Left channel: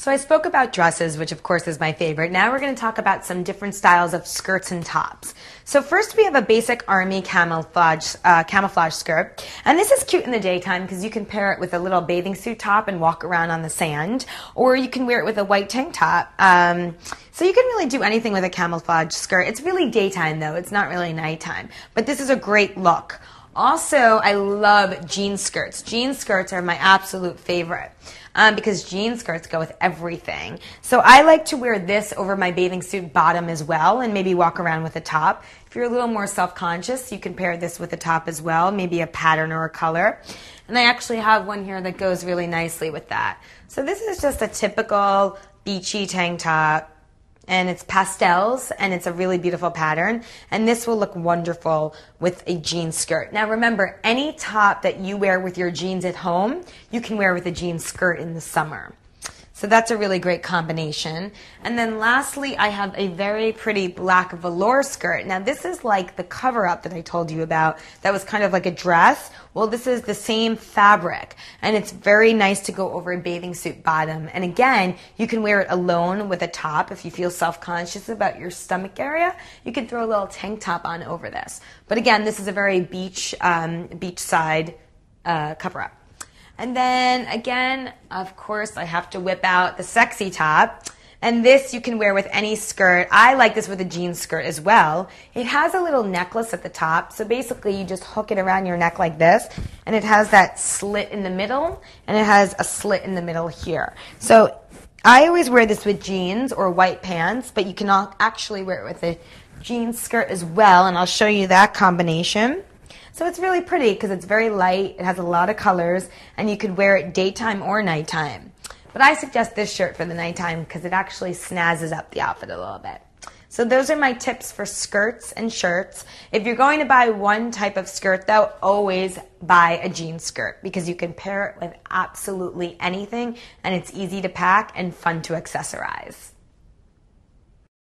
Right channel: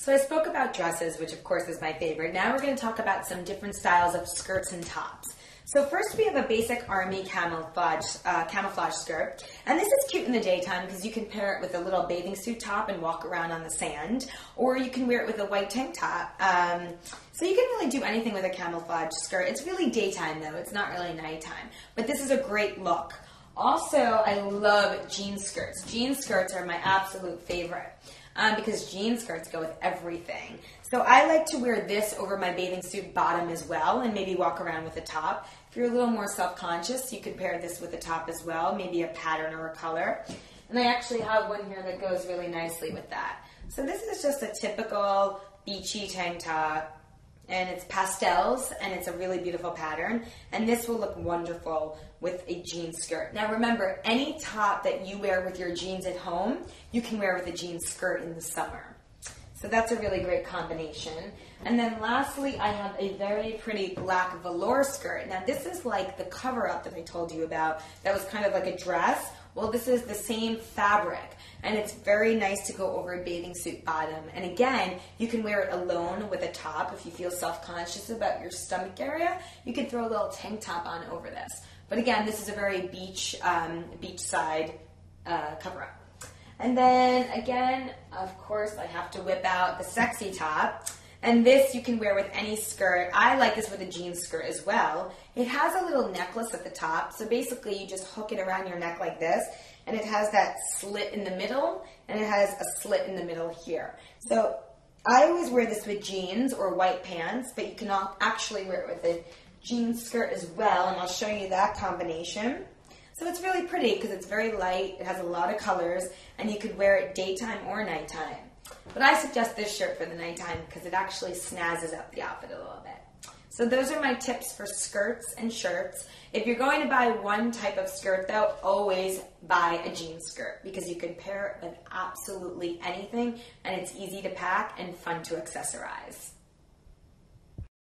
So I spoke about dresses, which of course is my favorite. Now we're going to talk about some different styles of skirts and tops. So first we have a basic army camouflage skirt. And this is cute in the daytime because you can pair it with a little bathing suit top and walk around on the sand. Or you can wear it with a white tank top. So you can really do anything with a camouflage skirt. It's really daytime though. It's not really nighttime. But this is a great look. Also, I love jean skirts. Jean skirts are my absolute favorite. Because jean skirts go with everything. So I like to wear this over my bathing suit bottom as well and maybe walk around with a top. If you're a little more self-conscious, you can pair this with a top as well, maybe a pattern or a color. And I actually have one here that goes really nicely with that. So this is just a typical beachy tank top. And it's pastels, and it's a really beautiful pattern. And this will look wonderful with a jean skirt. Now remember, any top that you wear with your jeans at home, you can wear with a jean skirt in the summer. So that's a really great combination. And then lastly, I have a very pretty black velour skirt. Now this is like the cover-up that I told you about that was kind of like a dress. Well, this is the same fabric, and it's very nice to go over a bathing suit bottom. And again, you can wear it alone with a top. If you feel self-conscious about your stomach area, you can throw a little tank top on over this. But again, this is a very beachside cover-up. And then again, of course, I have to whip out the sexy top. And this you can wear with any skirt. I like this with a jean skirt as well. It has a little necklace at the top. So basically you just hook it around your neck like this. And it has that slit in the middle. And it has a slit in the middle here. So I always wear this with jeans or white pants. But you can actually wear it with a jean skirt as well. And I'll show you that combination. So it's really pretty because it's very light. It has a lot of colors. And you could wear it daytime or nighttime. But I suggest this shirt for the nighttime because it actually snazzes up the outfit a little bit. So those are my tips for skirts and shirts. If you're going to buy one type of skirt though, always buy a jean skirt because you can pair it with absolutely anything and it's easy to pack and fun to accessorize.